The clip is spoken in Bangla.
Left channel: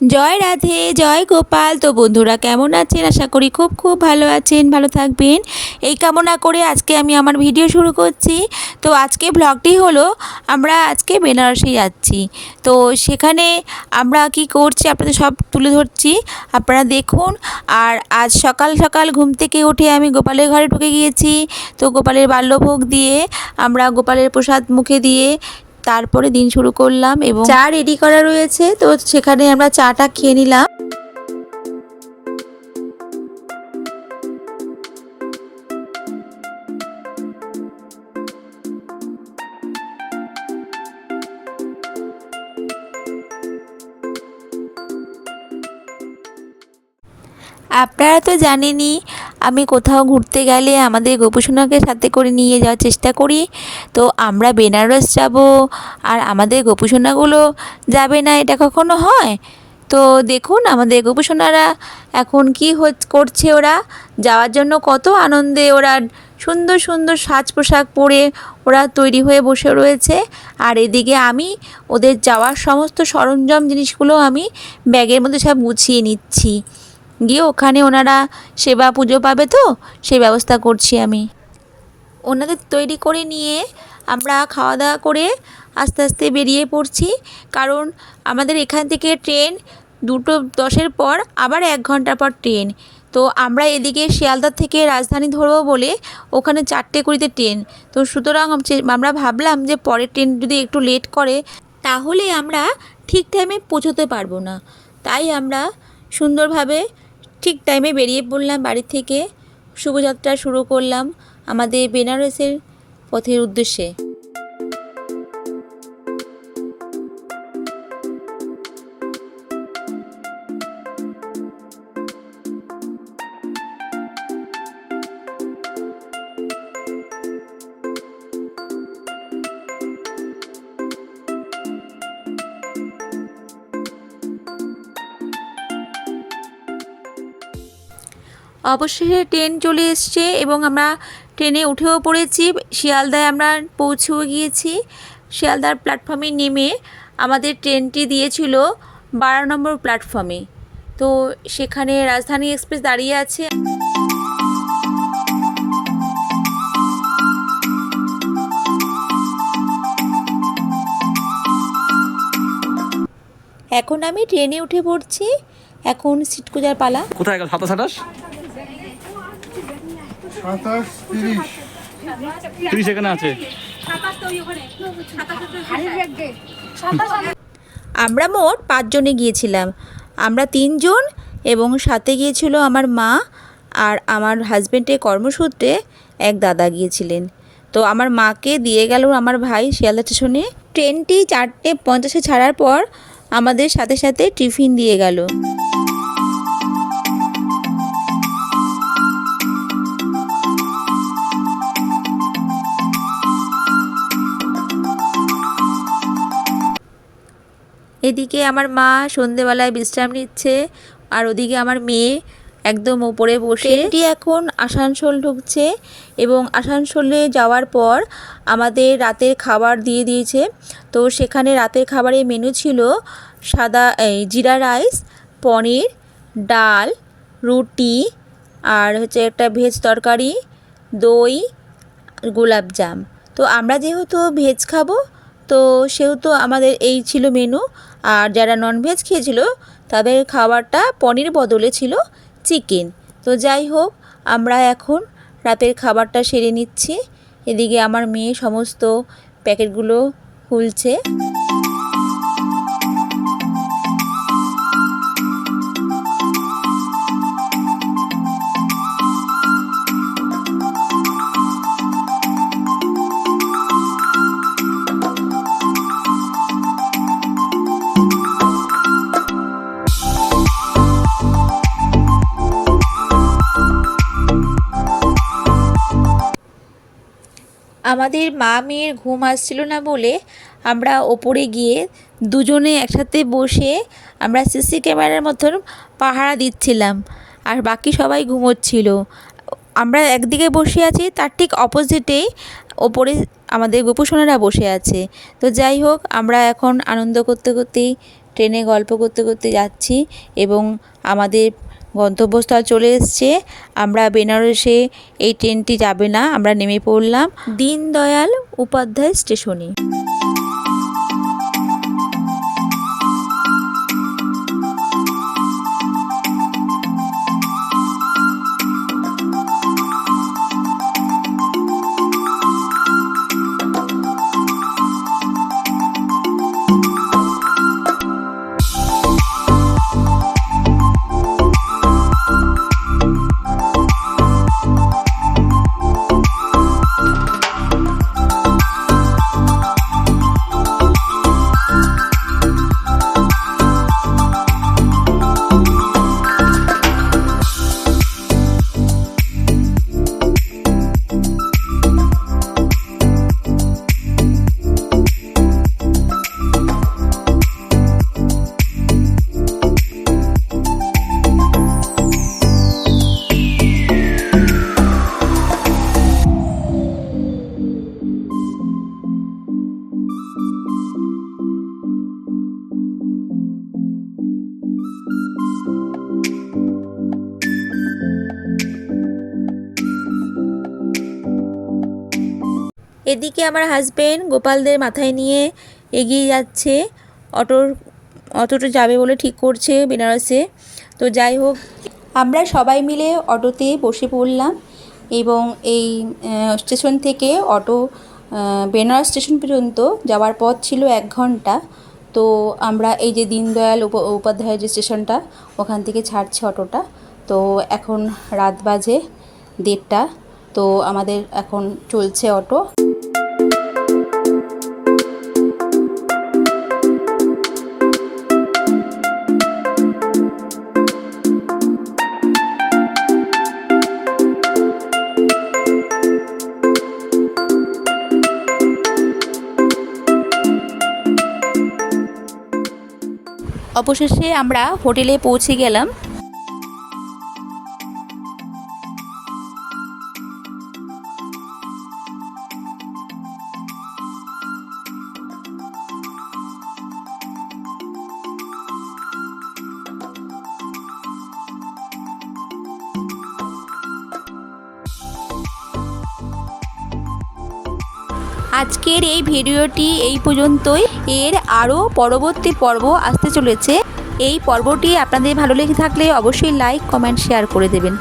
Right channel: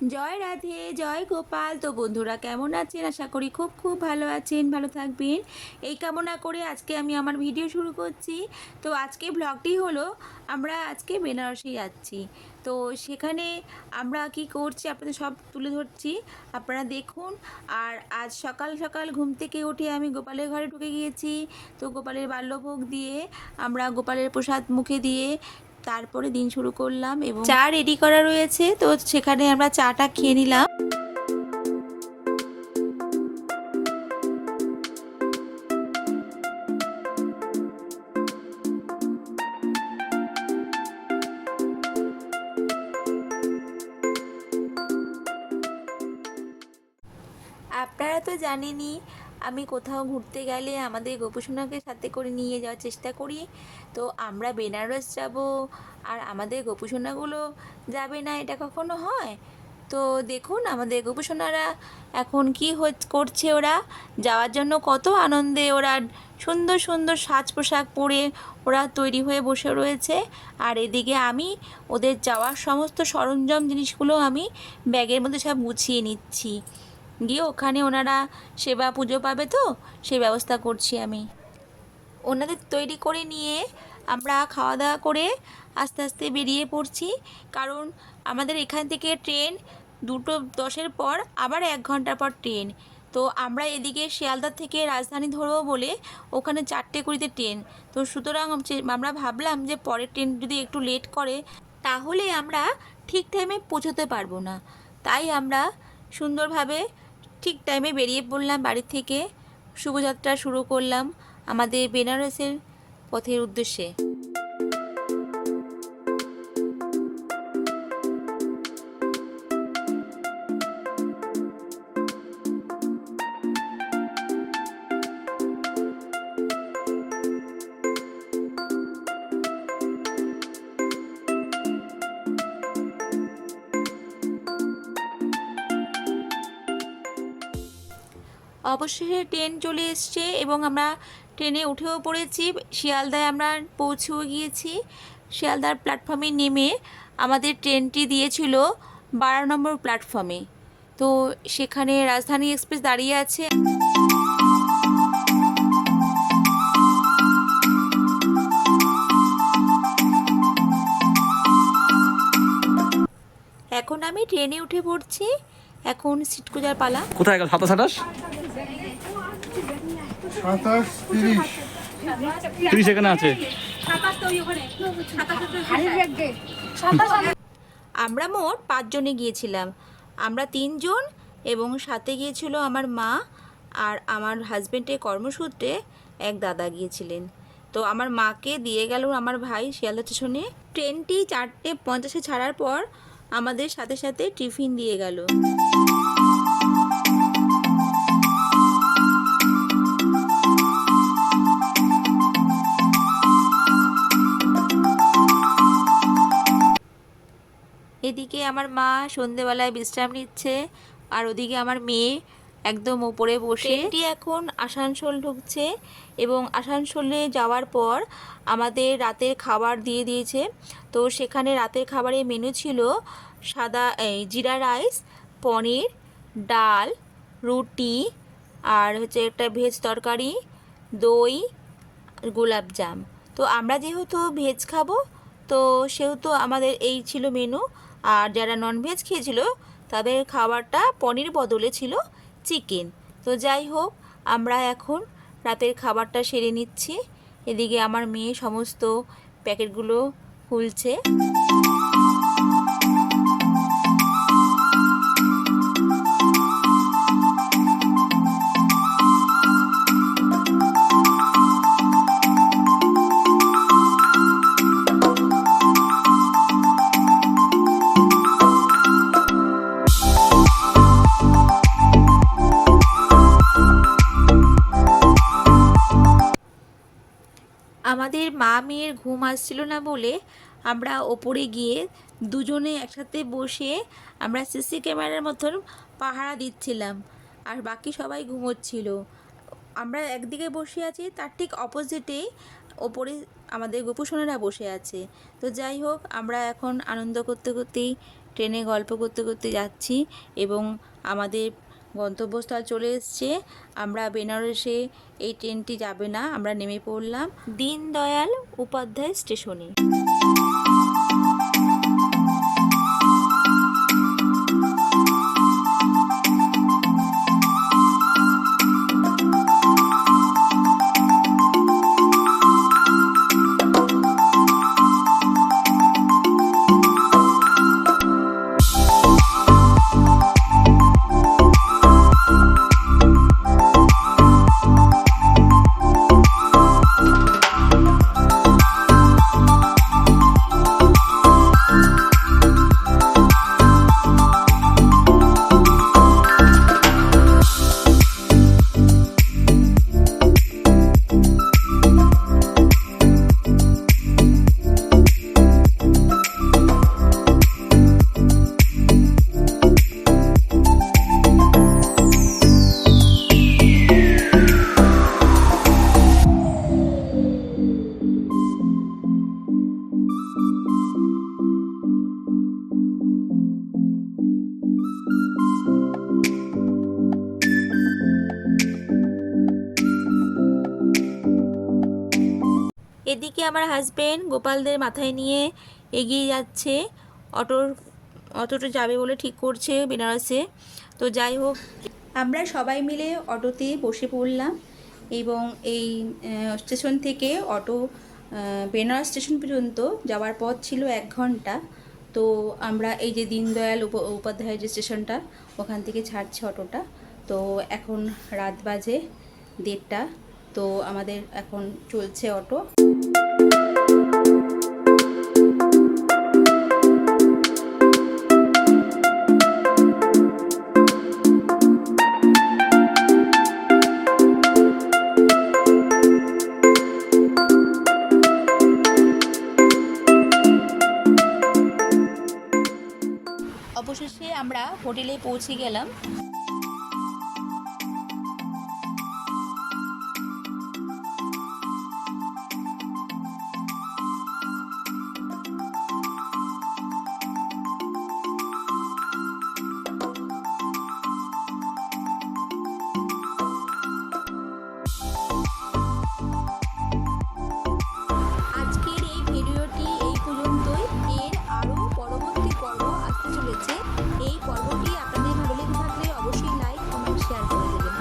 জয় রাধে, জয় গোপাল। তো বন্ধুরা কেমন আছেন? আশা করি খুব খুব ভালো আছেন, ভালো থাকবেন এই কামনা করে আজকে আমি আমার ভিডিও শুরু করছি। তো আজকে ব্লগটি হলো আমরা আজকে বেনারসে যাচ্ছি। তো সেখানে আমরা কি করছি আপনাদের সব তুলে ধরছি, আপনারা দেখুন। আর আজ সকাল সকাল ঘুম থেকে উঠে আমি গোপালের ঘরে ঢুকে গিয়েছি। তো গোপালের বাল্যভোগ দিয়ে আমরা গোপালের প্রসাদ মুখে দিয়ে তারপরে দিন শুরু করলাম এবং চা রেডি করা রয়েছে, তো সেখানে আমরা চাটা খেয়ে নিলাম। আপনারা তো জানেনই আমি কোথাও ঘুরতে গেলে আমাদের গোপুসোনাকে সাথে করে নিয়ে যাওয়ার চেষ্টা করি। তো আমরা বেনারস যাব আর আমাদের গোপুসোনাগুলো যাবে না, এটা কখনো হয়? তো দেখুন আমাদের গোপুসোনারা এখন কি করছে, ওরা যাওয়ার জন্য কত আনন্দে ওরা সুন্দর সুন্দর সাজ পোশাক পরে ওরা তৈরি হয়ে বসে রয়েছে। আর এদিকে আমি ওদের যাওয়ার সমস্ত সরঞ্জাম জিনিসগুলো আমি ব্যাগের মধ্যে সব গুছিয়ে নিচ্ছি, গিয়ে ওখানে ওনারা সেবা পুজো পাবে, তো সেই ব্যবস্থা করছি আমি। ওনাদের তৈরি করে নিয়ে আমরা খাওয়া দাওয়া করে আস্তে আস্তে বেরিয়ে পড়ছি, কারণ আমাদের এখান থেকে ট্রেন 2:10-এর পর আবার 1 ঘন্টা পর ট্রেন। তো আমরা এদিকে শিয়ালদা থেকে রাজধানী ধরবো বলে ওখানে 4:20-তে ট্রেন। তো সুতরাং আমরা ভাবলাম যে পরের ট্রেন যদি একটু লেট করে তাহলে আমরা ঠিক টাইমে পৌঁছতে পারবো না। তাই আমরা সুন্দরভাবে ঠিক টাইমে বেরিয়ে পড়লাম বাড়ি থেকে, শুভযাত্রা শুরু করলাম আমাদের বেনারসের পথের উদ্দেশ্যে। অবশেষে ট্রেন চলে এসছে এবং আমরা ট্রেনে উঠেও পড়েছি। শিয়ালদায় আমরা পৌঁছেও গিয়েছি। শিয়ালদার প্ল্যাটফর্মে নেমে আমাদের ট্রেনটি দিয়েছিল 12 নম্বর প্ল্যাটফর্মে। তো সেখানে রাজধানী এক্সপ্রেস দাঁড়িয়ে আছে। এখন আমি ট্রেনে উঠে পড়ছি, এখন সিট খোঁজার পালা। কোথায় গেল? 27, 27, 30 30 এখানে আছে। আমরা মোট 5 জনে গিয়েছিলাম। আমরা 3 জন এবং সাথে গিয়েছিল আমার মা আর আমার হাজব্যান্ডের কর্মসূত্রে এক দাদা গিয়েছিলেন। তো আমার মাকে দিয়ে গেল আমার ভাই শিয়ালদা স্টেশনে। ট্রেনটি 4:50-এ ছাড়ার পর আমাদের সাথে সাথে টিফিন দিয়ে গেল। এদিকে আমার মা সন্ধেবেলায় বিশ্রাম নিচ্ছে আর ওদিকে আমার মেয়ে একদম ওপরে বসে। ট্রেনটি এখন আসানসোল ঢুকছে এবং আসানসোলে যাওয়ার পর আমাদের রাতের খাবার দিয়ে দিয়েছে। তো সেখানে রাতের খাবারের মেনু ছিল জিরা রাইস, পনির, ডাল, রুটি আর হচ্ছে একটা ভেজ তরকারি, দই, গোলাপজাম। তো আমরা যেহেতু ভেজ খাবো তো সেহেতু আমাদের এই ছিল মেনু। আর যারা ননভেজ খেয়েছিল তাদের খাবারটা পনির বদলে ছিল চিকেন। তো যাই হোক, আমরা এখন রাতের খাবারটা সেরে নিচ্ছি। এদিকে আমার মেয়ে সমস্ত প্যাকেটগুলো খুলছে। আমাদের মা মেয়ের ঘুম আসছিল না বলে আমরা ওপরে গিয়ে দুজনে একসাথে বসে আমরা সিসি ক্যামেরার মতন পাহারা দিচ্ছিলাম আর বাকি সবাই ঘুমোচ্ছিল। আমরা একদিকে বসে আছি, তার ঠিক অপোজিটেই ওপরে আমাদের গোপুসোনারা বসে আছে। তো যাই হোক, আমরা এখন আনন্দ করতে করতেই ট্রেনে গল্প করতে করতে যাচ্ছি এবং আমাদের গন্তব্যস্থল চলে এসছে। আমরা বেনারসে এই ট্রেনটি যাবে না, আমরা নেমে পড়লাম দীনদয়াল উপাধ্যায় স্টেশনে। এদিকে আমার হাজবেন্ড গোপালদের মাথায় নিয়ে এগিয়ে যাচ্ছে, অটোটা যাবে বলে ঠিক করছে বেনারসে। তো যাই হোক, আমরা সবাই মিলে অটোতে বসে পড়লাম এবং এই স্টেশন থেকে অটো বেনারস স্টেশন পর্যন্ত যাওয়ার পথ ছিল 1 ঘন্টা। তো আমরা এই যে দীনদয়াল উপাধ্যায় যে স্টেশনটা, ওখান থেকে ছাড়ছে অটোটা। তো এখন রাত বাজে 1:30। তো আমাদের এখন চলছে অটো। অবশেষে আমরা হোটেলে পৌঁছে গেলাম। আজকের এই ভিডিওটি এই পর্যন্তই। এর আরও পরবর্তী পর্ব আসতে চলেছে। এই পর্বটি আপনাদের ভালো লেগে থাকলে অবশ্যই লাইক, কমেন্ট, শেয়ার করে দেবেন।